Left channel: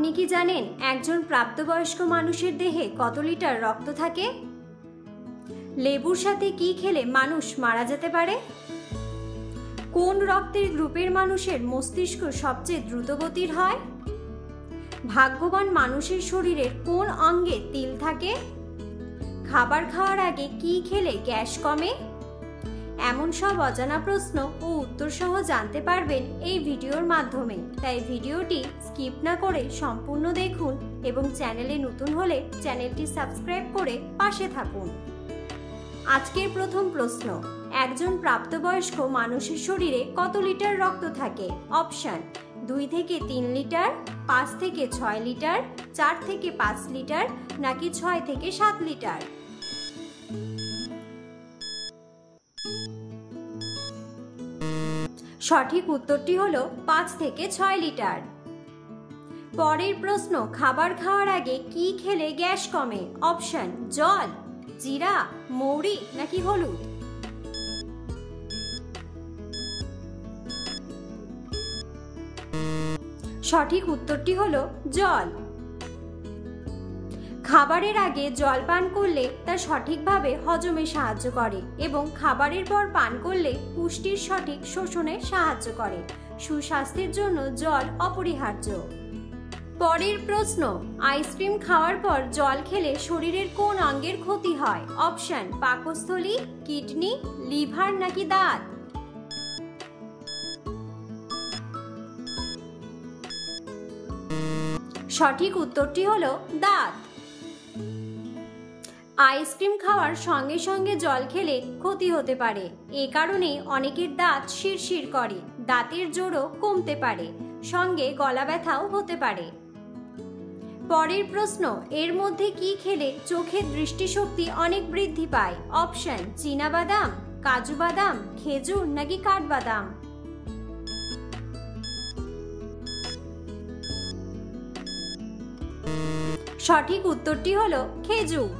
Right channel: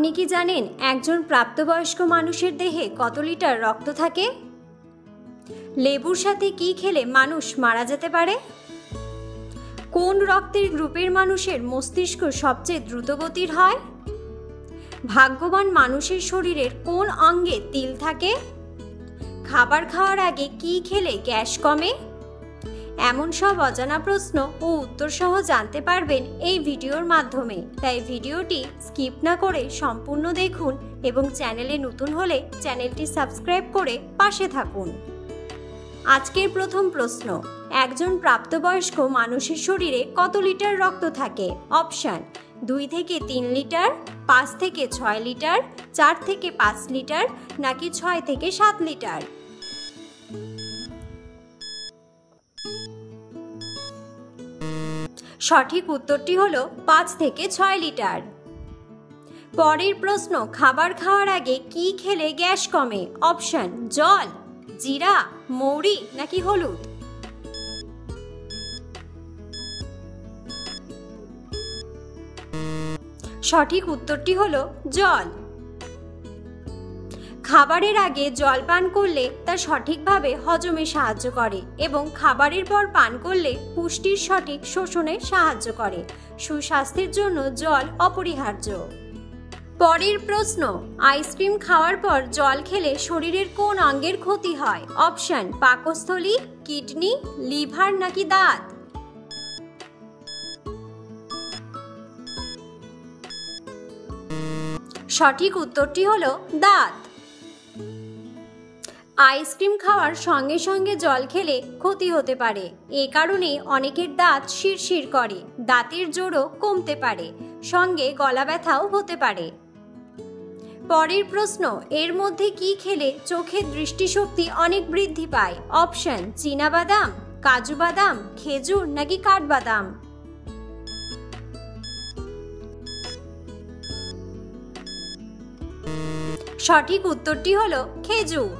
আপনি কি জানেন একজন প্রাপ্তবয়স্ক মানুষের দেহে কত লিটার রক্ত থাকে? লেবুর সাথে কি খেলে মানুষ মারা যেতে পারে? কোন রক্তের গ্রুপের মানুষের মস্তিষ্ক সবচেয়ে দ্রুতগতির হয়? ভাগ্যবান মানুষের শরীরের কোন অঙ্গে তিল থাকে? খাবার খাওয়ার আগে কি খেলে গ্যাস কমে? এমন সব অজানা প্রশ্ন ও উত্তর সহ জানতে পারবেন এই ভিডিওর মাধ্যমে। তাই ভিডিওটি স্কিপ না করে সম্পূর্ণ দেখুন এবং চ্যানেলে নতুন হলে চ্যানেলটি সাবস্ক্রাইব করে পাশে থাকুন। আজকের প্রথম প্রশ্ন, একজন প্রাপ্তবয়স্ক মানুষের শরীরে কত লিটার রক্ত থাকে? অপশন: 2 থেকে 3 লিটার, 5 থেকে 6 লিটার, 4 থেকে 5 লিটার, নাকি 6 থেকে 7 লিটার? সঠিক উত্তরটি হলো 5 থেকে 6 লিটার। পরের প্রশ্ন, খাবার খাওয়ার আগে কি খেলে গ্যাস কমে? অপশন: জল, জিরা, মৌরি, নাকি হলুদ? সঠিক উত্তরটি হলো জল। খাবারের আগে জল পান করলে তা সঠিকভাবে হজমে সাহায্য করে এবং খাবারের পর পান করলে পুষ্টির সঠিক শোষণে সাহায্য করে। সুস্বাস্থ্যের জন্য জল অপরিহার্য। পরের প্রশ্ন, আইসক্রিম খাওয়ার পর জল খেলে শরীরের কোন অঙ্গের ক্ষতি হয়? অপশন: পাকস্থলী, কিডনি, লিভার, নাকি দাঁত? সঠিক উত্তরটি হলো দাঁত। আইসক্রিম খাওয়ার সঙ্গে সঙ্গে জল খেলে ক্ষতি হতে পারে। এ কারণে অনেকের দাঁত শিরশির করে, দাঁতের জোরও কমতে পারে, সঙ্গে গলা ব্যথাও হতে পারে। পরের প্রশ্ন, এর মধ্যে কি খেলে চোখের দৃষ্টিশক্তি অনেক বৃদ্ধি পায়? অপশন: চীনাবাদাম, কাজু বাদাম, খেজুর, নাকি কাঠবাদাম? সঠিক উত্তরটি হলো খেজুর।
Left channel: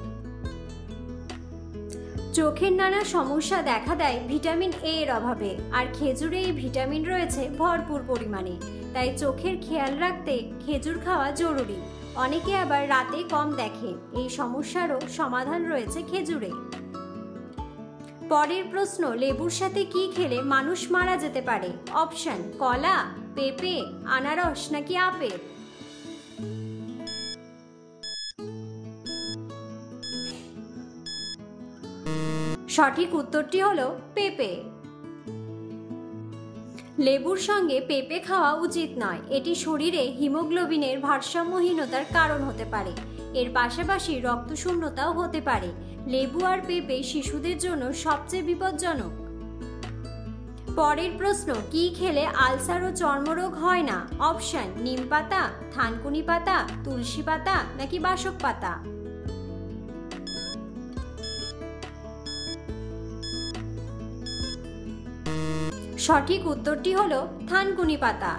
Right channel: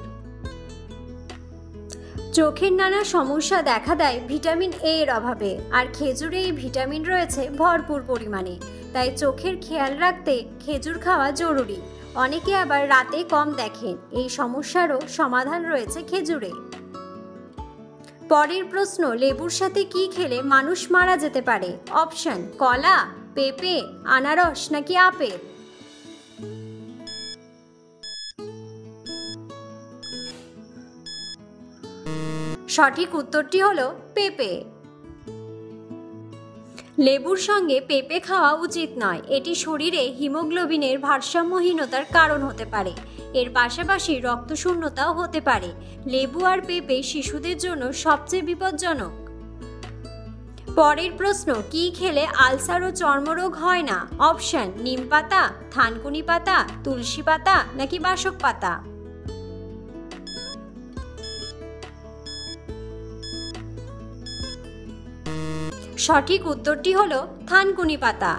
চোখের নানা সমস্যা দেখা দেয় ভিটামিন এ এর অভাবে, আর খেজুরে এই ভিটামিন রয়েছে ভরপুর পরিমাণে। তাই চোখের খেয়াল রাখতে খেজুর খাওয়া জরুরি। অনেকে আবার রাতে কম দেখেন, এই সমস্যারও সমাধান রয়েছে খেজুরে। পরের প্রশ্ন, লেবুর সাথে কি খেলে মানুষ মারা যেতে পারে? অপশন: কলা, পেঁপে, আনারস, নাকি আপেল? সঠিক উত্তরটি হলো পেঁপে। লেবুর সঙ্গে পেঁপে খাওয়া উচিত নয়, এটি শরীরে হিমোগ্লোবিনের ভারসাম্যহীনতার কারণ হতে পারে। এর পাশাপাশি রক্তশূন্যতাও হতে পারে। লেবু আর পেঁপে শিশুদের জন্য সবচেয়ে বিপজ্জনক। পরের প্রশ্ন, কি খেলে আলসার ও চর্মরোগ হয় না? অপশন: নিম পাতা, থানকুনি পাতা, তুলসী পাতা, নাকি বাসক পাতা? সঠিক উত্তরটি হলো থানকুনি পাতা।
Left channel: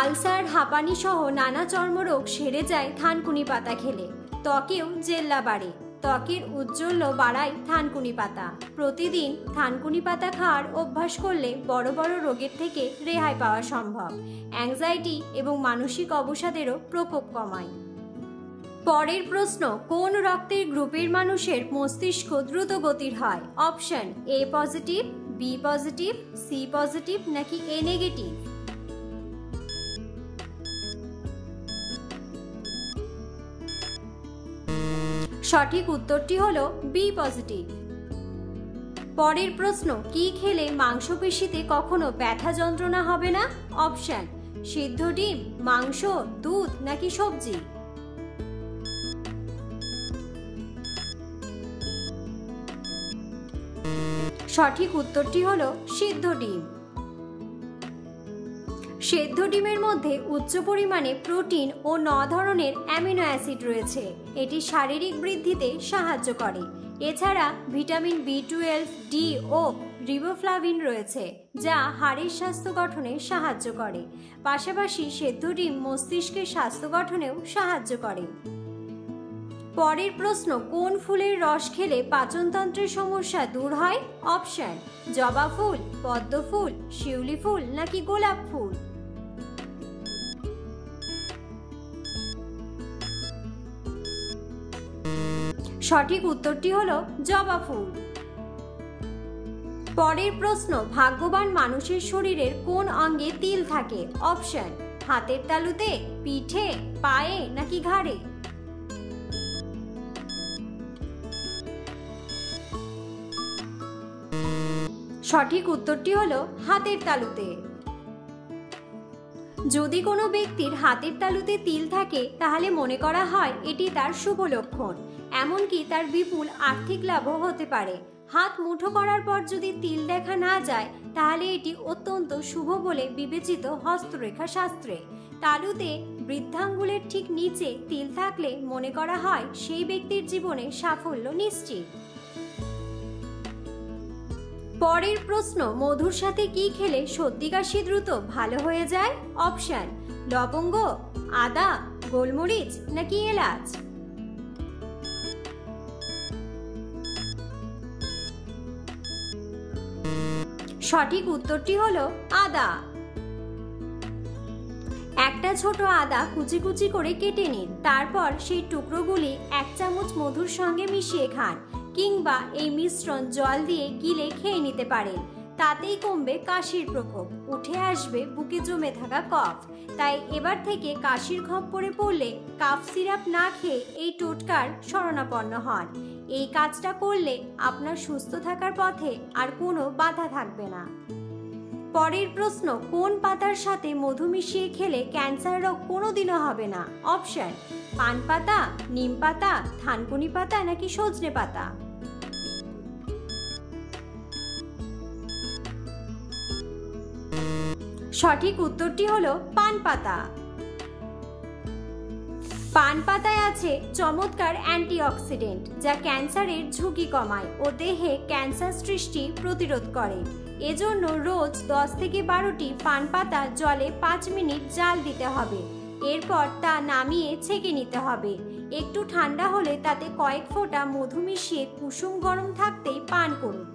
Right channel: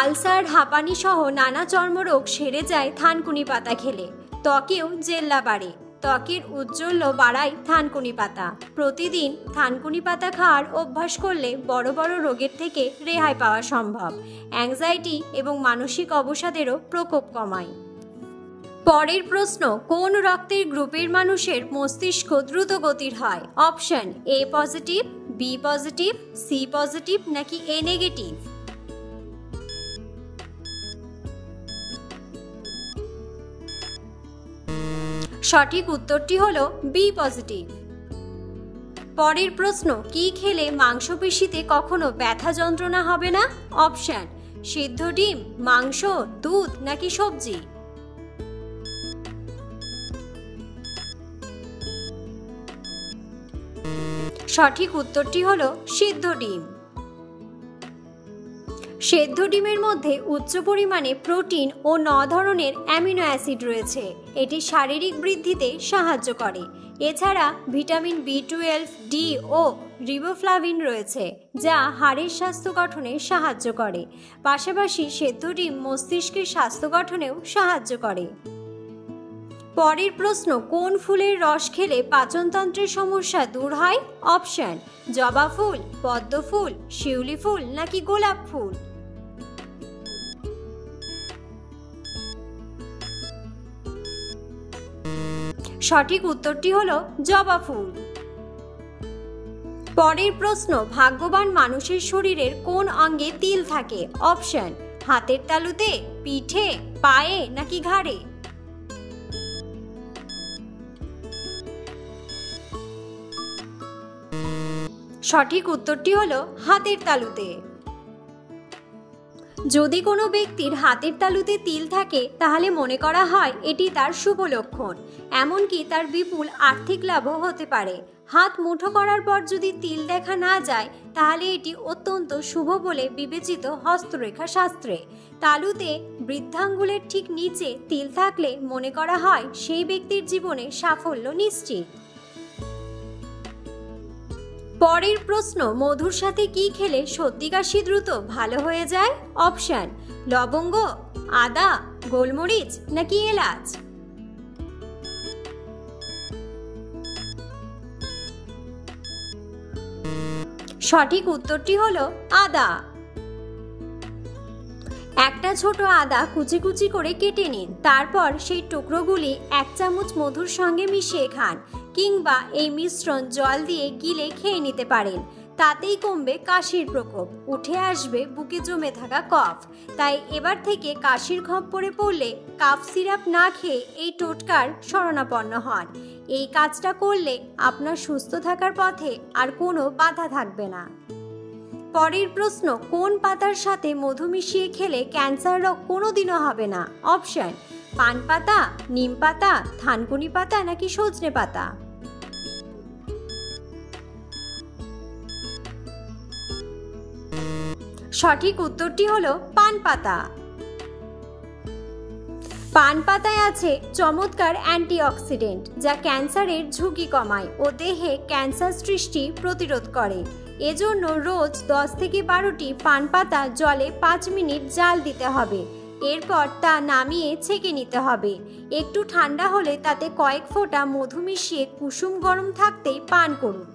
আলসার, হাঁপানি সহ নানা চর্মরোগ সেরে যায় থানকুনি পাতা খেলে। ত্বকেও জেল্লা বাড়ে, ত্বকের উজ্জ্বল্য বাড়ায় থানকুনি পাতা। প্রতিদিন থানকুনি পাতা খাওয়ার অভ্যাস করলে বড় বড় রোগের থেকে রেহাই পাওয়া সম্ভব। অ্যাংজাইটি এবং মানসিক অবসাদেরও প্রকোপ কমায়। পরের প্রশ্ন, কোন রক্তের গ্রুপের মানুষের মস্তিষ্ক দ্রুত গতির হয়? Option: A positive, B positive, C positive, নাকি এ নেগেটিভ? সঠিক উত্তরটি হলো বি পজিটিভ। পরের প্রশ্ন, কি খেলে মাংসপেশিতে কখনো ব্যথা যন্ত্রণা হবে না? অপশন: সিদ্ধ ডিম, মাংস, দুধ, নাকি সবজি? সঠিক উত্তরটি হলো সিদ্ধ ডিম। সেদ্ধ ডিমের মধ্যে উচ্চ পরিমাণে প্রোটিন ও 9 ধরনের অ্যামিনো অ্যাসিড রয়েছে। এটি শারীরিক বৃদ্ধিতে সাহায্য করে। এছাড়া ভিটামিন B12, ডি ও রিবোফ্লাভিন রয়েছে, যা হাড়ের স্বাস্থ্য গঠনে সাহায্য করে। পাশাপাশি সেদ্ধ ডিম মস্তিষ্কের স্বাস্থ্য গঠনেও সাহায্য করে। পরের প্রশ্ন, কোন ফুলের রস খেলে পাচনতন্ত্রের সমস্যা দূর হয়? অপশন: জবা ফুল, পদ্ম ফুল, শিউলি ফুল, নাকি গোলাপ ফুল? সঠিক উত্তরটি হলো জবা ফুল। পরের প্রশ্ন, ভাগ্যবান মানুষের শরীরের কোন অঙ্গে তিল থাকে? অপশন, হাতের তালুতে, পিঠে, পায়ে নাকি ঘাড়ে? সঠিক উত্তরটি হলো হাতের তালুতে। যদি কোনো ব্যক্তির হাতের তালুতে তিল থাকে তাহলে মনে করা হয় এটি তার শুভ লক্ষণ, এমনকি তার বিপুল আর্থিক লাভও হতে পারে। হাত মুঠো করার পর যদি তিল দেখা না যায় তাহলে এটি অত্যন্ত শুভ বলে বিবেচিত হস্তরেখা শাস্ত্রে। তালুতে বৃদ্ধাঙ্গুলের ঠিক নিচে তিল থাকলে মনে করা হয় সেই ব্যক্তির জীবনে সাফল্য নিশ্চিত। পরের প্রশ্ন, মধুর সাথে কি খেলে সর্দি কাশি দ্রুত ভালো হয়ে যায়? অপশন, লবঙ্গ, আদা, গোলমরিচ নাকি এলাচ? সঠিক উত্তরটি হলো আদা। একটা ছোট আদা কুচি কুচি করে কেটে নিন, তারপর সেই টুকরোগুলি 1 চামচ মধুর সঙ্গে মিশিয়ে খান, কিংবা এই মিশ্রণ জল দিয়ে গিলে খেয়ে নিতে পারেন। তাতেই কমবে কাশির প্রকোপ, উঠে আসবে বুকে জমে থাকা কফ। তাই এবার থেকে কাশির খপ্পরে পড়লে কাফ সিরাপ না খেয়ে এই টোটকার শরণাপন্ন হন। এই কাজটা করলে আপনার সুস্থ থাকার পথে আর কোনো বাধা থাকবে না। পরের প্রশ্ন, কোন পাতার সাথে মধু মিশিয়ে খেলে ক্যান্সার রোগ কোনোদিনও হবে না? অপশন, পান পাতা, নিম পাতা, থানকুনি পাতা নাকি সজনে পাতা? সঠিক উত্তরটি হলো পান পাতা। পান পাতায় আছে চমৎকার অ্যান্টিঅক্সিডেন্ট, যা ক্যান্সারের ঝুঁকি কমায় ও দেহে ক্যান্সার সৃষ্টি প্রতিরোধ করে। এজন্য রোজ 10 থেকে 12টি পান পাতা জলে 5 মিনিট জাল দিতে হবে। এরপর তা নামিয়ে ছেঁকে নিতে হবে। একটু ঠান্ডা হলে তাতে কয়েক ফোঁটা মধু মিশিয়ে কুসুম গরম থাকতেই পান করুন।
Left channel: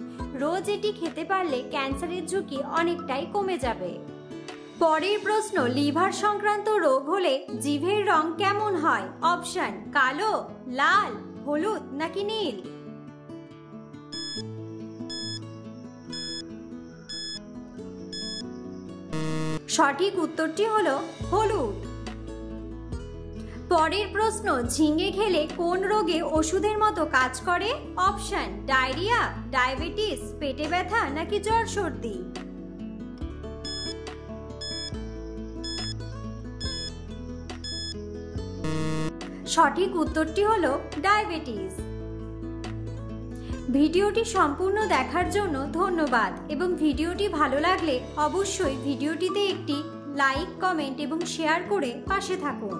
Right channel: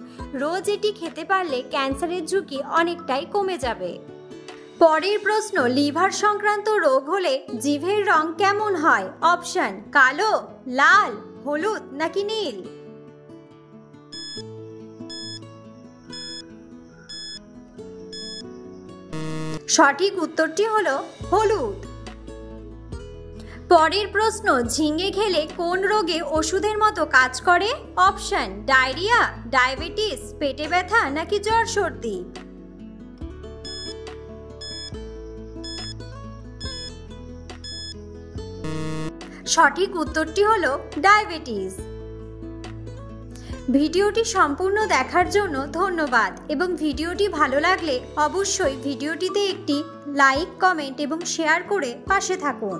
রোজ এটি খেতে পারলে ক্যান্সারের ঝুঁকি অনেকটাই কমে যাবে। পরের প্রশ্ন, লিভার সংক্রান্ত রোগ হলে জিভের রং কেমন হয়? অপশন, কালো, লাল, হলুদ নাকি নীল? সঠিক উত্তরটি হলো হলুদ। পরের প্রশ্ন, ঝিঙে খেলে কোন রোগে ওষুধের মতো কাজ করে? অপশন, ডায়রিয়া, ডায়াবেটিস, পেটে ব্যথা নাকি জ্বর সর্দি? সঠিক উত্তরটি হলো ডায়াবেটিস। ভিডিওটি সম্পূর্ণ দেখার জন্য ধন্যবাদ এবং ভিডিওটি ভালো লাগলে অবশ্যই ভিডিওটিতে একটি লাইক, কমেন্ট এবং শেয়ার করে পাশে থাকুন।